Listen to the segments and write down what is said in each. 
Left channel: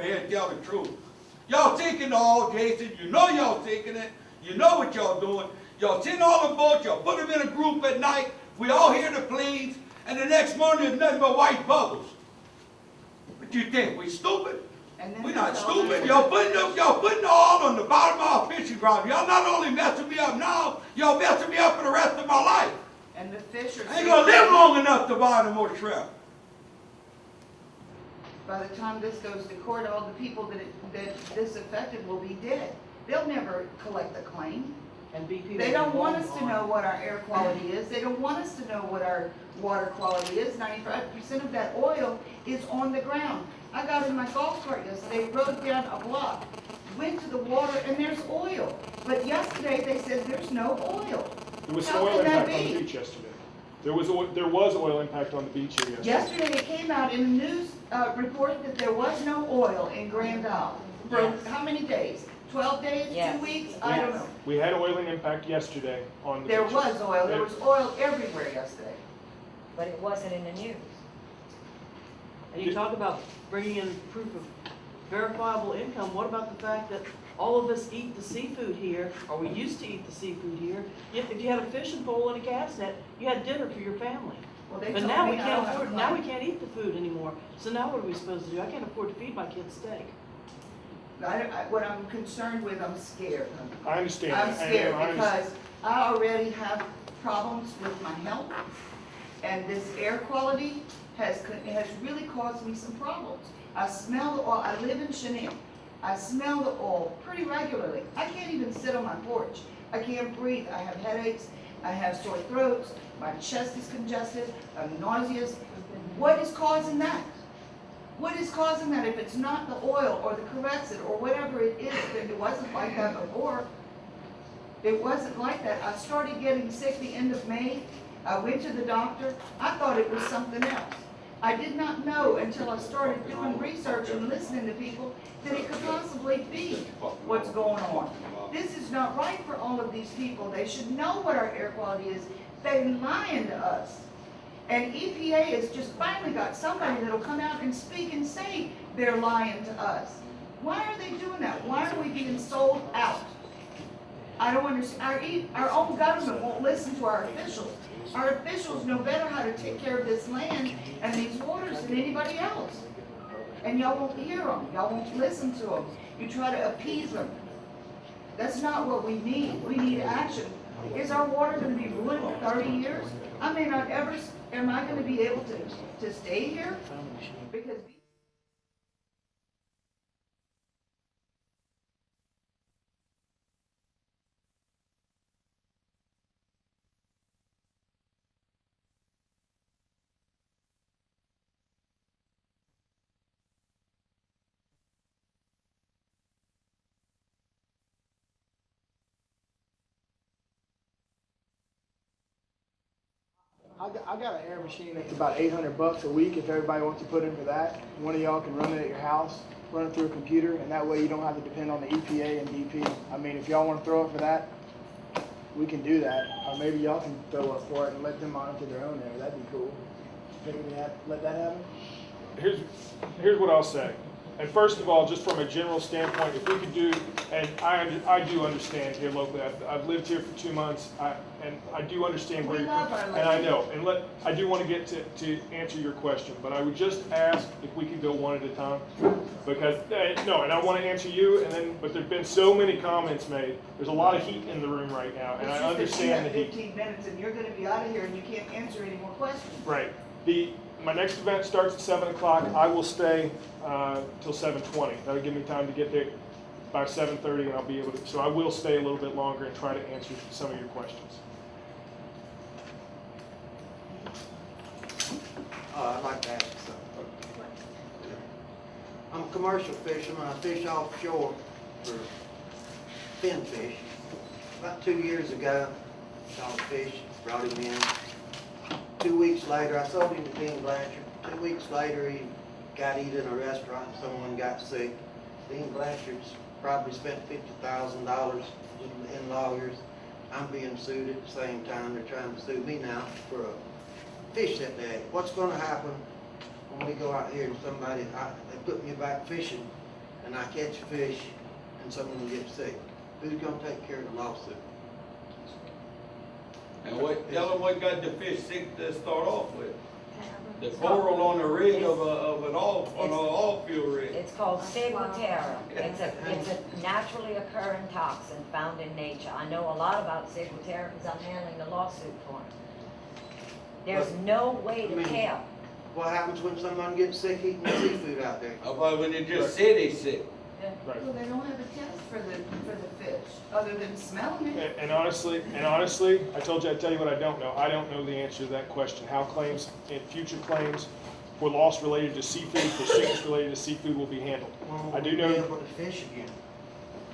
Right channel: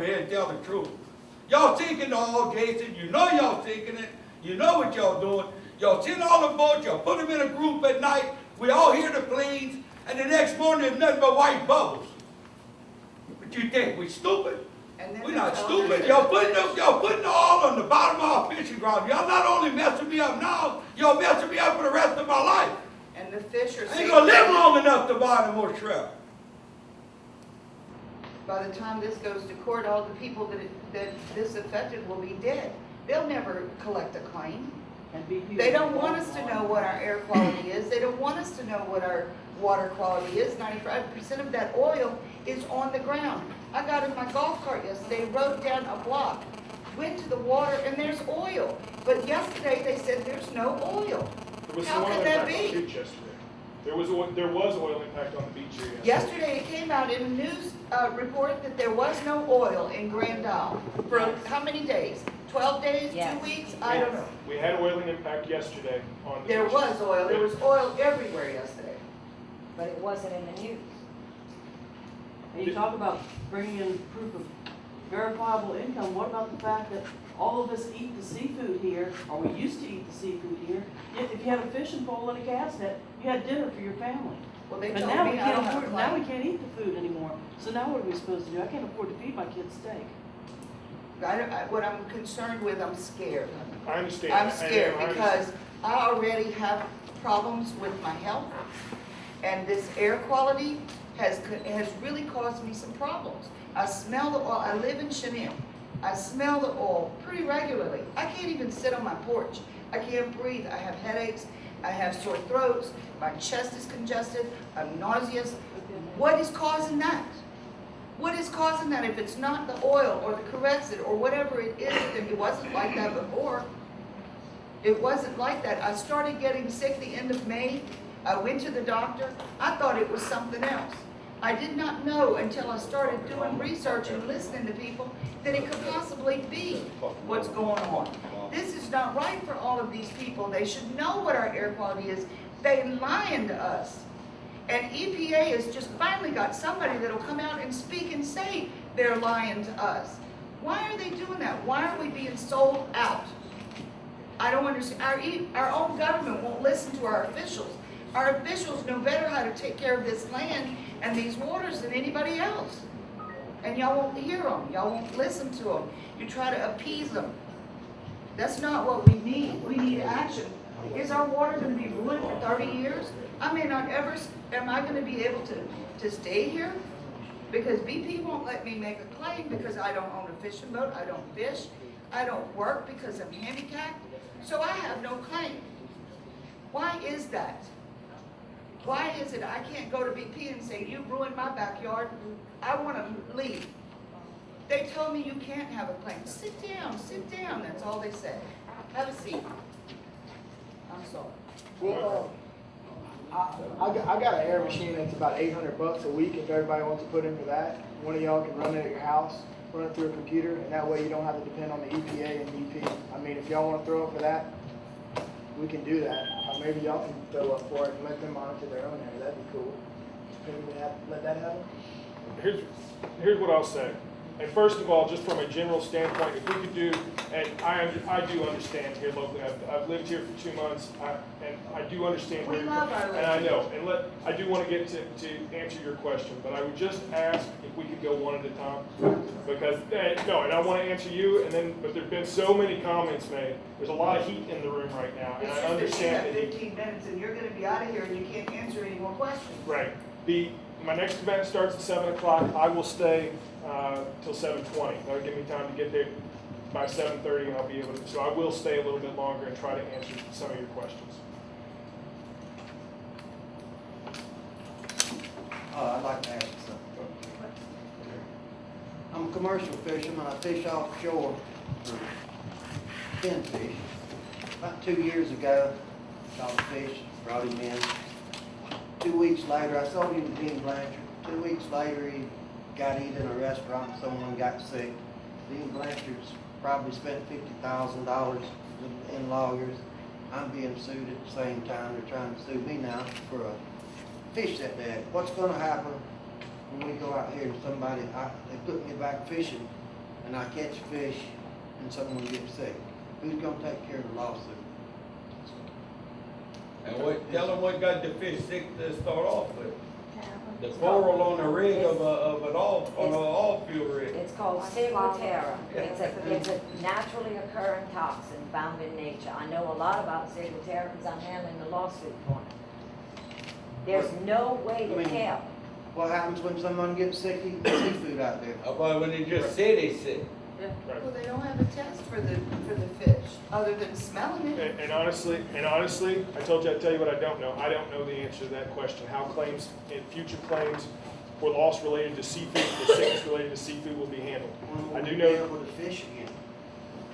over here and tell the truth. Y'all taking the oil, Jason. You know y'all taking it. You know what y'all doing. Y'all send all the boats. Y'all put them in a group at night. We all hear the planes. And the next morning, there's nothing but white bubbles. What you think? We stupid? We're not stupid. Y'all putting the oil on the bottom of our fishing ground. Y'all not only messing me up now, y'all messing me up for the rest of my life. And the fish are... I ain't gonna live long enough to buy no more shrimp. By the time this goes to court, all the people that this affected will be dead. They'll never collect a claim. They don't want us to know what our air quality is. They don't want us to know what our water quality is. 95% of that oil is on the ground. I got in my golf cart yesterday, rode down a block, went to the water, and there's oil. But yesterday they said there's no oil. There was How oil can that impact on be? the beach yesterday. There was oil impact on the beach here yesterday. Yesterday it came out in a news report that there was no oil in Grand Isle for how many days? 12 days? Yes. 2 weeks? I don't know. We had oiling impact yesterday on the There beaches. was oil. There was oil everywhere yesterday. But it wasn't in the news. And you talk about bringing in proof of verifiable income. What about the fact that all of us eat the seafood here, or we used to eat the seafood here? If you had a fishing pole and a cast net, you had dinner for your family. Well, they But told now me we I don't can't have a afford, now we claim. can't eat the food anymore. So now what are we supposed to do? I can't afford to feed my kids steak. What I'm concerned with, I'm scared. I understand. I'm that. scared I because I already have problems with my health, and this air quality has really caused me some problems. I smell the oil. I live in Chanel. I smell the oil pretty regularly. I can't even sit on my porch. I can't breathe. I have headaches. I have sore throats. My chest is congested. I'm nauseous. What is causing that? What is causing that? If it's not the oil or the Corexit or whatever it is, and it wasn't like that before. It wasn't like that. I started getting sick the end of May. I went to the doctor. I thought it was something else. I did not know until I started doing research and listening to people that it could possibly be what's going on. This is not right for all of these people. They should know what our air quality is. They're lying to us. And EPA has just finally got somebody that'll come out and speak and say they're lying to us. Why are they doing that? Why are we being sold out? I don't understand. Our own government won't listen to our officials. Our officials know better how to take care of this land and these waters than anybody else. And y'all won't hear them. Y'all won't listen to them. You try to appease them. That's not what we need. We need action. Is our water going to be ruined for 30 years? I may not ever, am I going to be able to stay here? Because BP won't let me make a claim because I don't own a fishing boat, I don't fish, I don't work because I'm handicapped, so I have no claim. Why is that? Why is it I can't go to BP and say, you ruined my backyard, I want to leave? They told me you can't have a claim. Sit down, that's all they said. Have a seat. I'm sorry. Well, I got an air machine that's about $800 a week if everybody wants to put in for that. One of y'all can run it at your house, run it through a computer, and that way you don't have to depend on the EPA and DP. I mean, if y'all want to throw up for that, we can do that. Or maybe y'all can throw up for it and let them monitor their own air. That'd be cool. Maybe we have let that happen. Here's what I'll say. And first of all, just from a general standpoint, if we could do, and I do understand here locally. I've lived here for 2 months, and I do understand where you're coming from. And I know, and I do want to get to answer your question, but I would just ask if we could go one at a time, because no, and I want to answer you. And then, but there's been so many comments made. There's a lot of heat in the room right now, and I understand the heat. 15 minutes, and you're going to be out of here, and you can't answer any more questions. Right. My next event starts at 7 o'clock. I will stay till 7:20. That'll give me time to get there by 7:30, and I'll be able to. So I will stay a little bit longer and try to answer some of your questions. I'd like to ask something. I'm a commercial fisherman. I fish offshore for finfish. About 2 years ago, caught a fish, brought him in. 2 weeks later, I sold him to Dean Blanchard. 2 weeks later, he got eat in a restaurant and someone got sick. Dean Blanchard's probably spent $50,000 in lawyers. I'm being sued at the same time. They're trying to sue me now for a fish that day. What's going to happen when we go out here and somebody, they put me back fishing and I catch fish and someone gets sick, who's gonna take care of the lawsuit? And tell them what got the fish sick to start off with. The coral on the rig of an oil field rig. It's called Ciguatera. It's a naturally occurring toxin found in nature. I know a lot about Ciguatera because I'm handling the lawsuit for it. There's no way to tell. What happens when someone gets sick eating the seafood out there? How about when they just say they sick? Right. Well, they don't have a test for the fish, other than smelling it. And honestly, I told you I'd tell you what I don't know. I don't know the answer to that question. How future claims for loss related to seafood, for sickness related to seafood will be handled. I do know. Be able to fish again.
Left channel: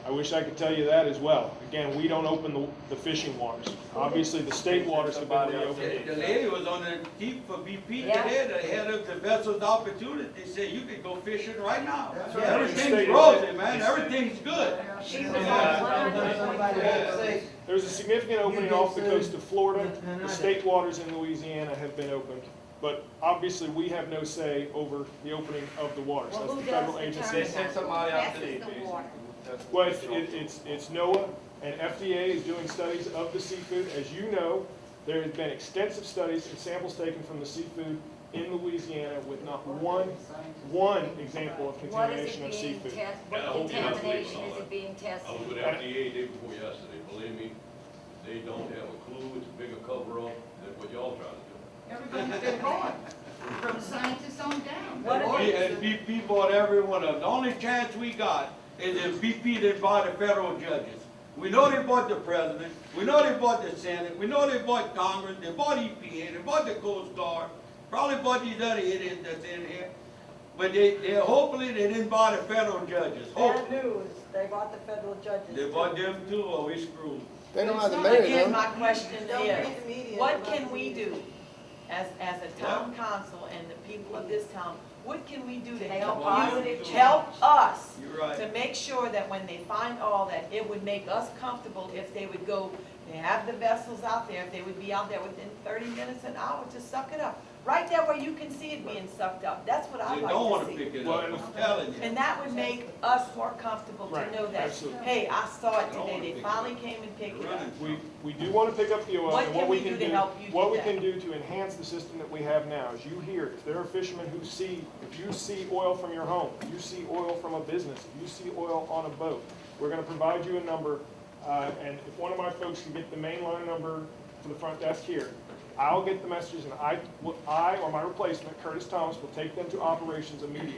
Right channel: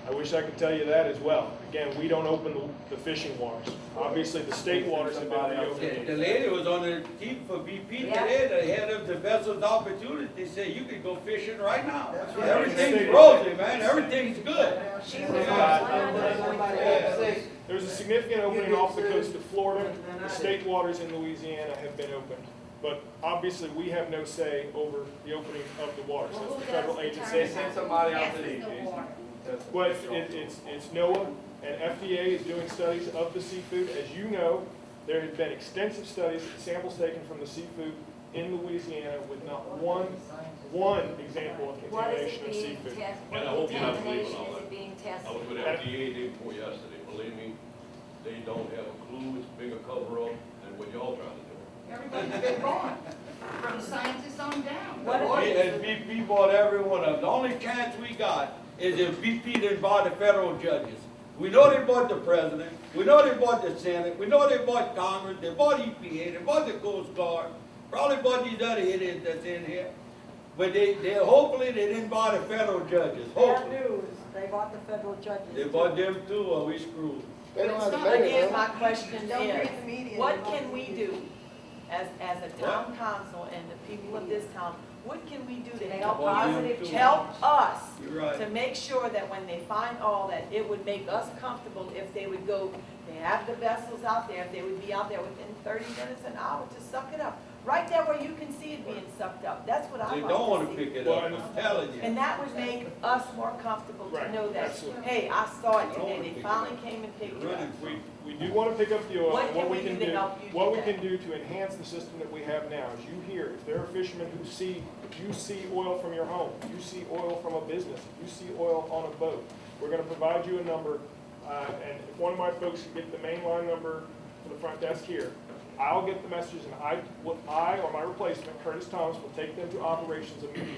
I wish I could tell you that as well. Again, we don't open the fishing waters. Obviously, the state waters have been reopened. The lady was on the deep for BP Yeah. today, the head of the vessel's opportunity, they said you could go fishing right now. That's right. Everything's rosy, man, everything's good. She was on 100.3. There's a significant opening off the coast of Florida. The state waters in Louisiana have been opened. But obviously, we have no say over the opening of the waters. Well, That's who the federal does agency. determine Send somebody out today, passes the please. water? Well, it's NOAA and FDA is doing studies of the seafood. As you know, there have been extensive studies and samples taken from the seafood in Louisiana with not one example of What is contamination it of being seafood. tested? And I What hope you're not contamination believing all is it that. being I tested? was with FDA day before yesterday, believe me, they don't have a clue, it's a bigger cover-up than what y'all trying to do. Everybody's been gone, from scientists on down. And BP bought every one of them. The only chance we got is if BP didn't buy the federal judges. We know they bought the president, we know they bought the Senate, we know they bought Congress, they bought EPA, they bought the Coast Guard, probably bought these other idiots that's in here. But they hopefully they didn't buy the federal judges, Bad hopefully. news, they bought the federal judges. They bought them too, or we screwed. They don't have the It's not money, Again, though. my question Don't read is, the media. what can we do as a town council and the people of this town? What can we do to Make a help positive you, change. help us You're right. to make sure that when they find all that, it would make us comfortable if they would go, they have the vessels out there, if they would be out there within 30 minutes, an hour to suck it up. Right there where you can see it being sucked up. That's what They I don't like wanna to see. pick it Well, up, and- I'm telling you. And that would make us more comfortable Right, to know that, absolutely. hey, I saw it They don't wanna today, they pick it finally up. came and picked it Right. up. We do want to pick up the oil, What and can what we we can do to do, help you do what we that? can do to enhance the system that we have now is you hear, if there are fishermen who see, if you see oil from your home, if you see oil from a business, if you see oil on a boat, we're going to provide you a number, and if one of my folks can get the mainline number to the front desk here, I'll get the messages, and I or my replacement, Curtis Thomas, will take them to operations immediately.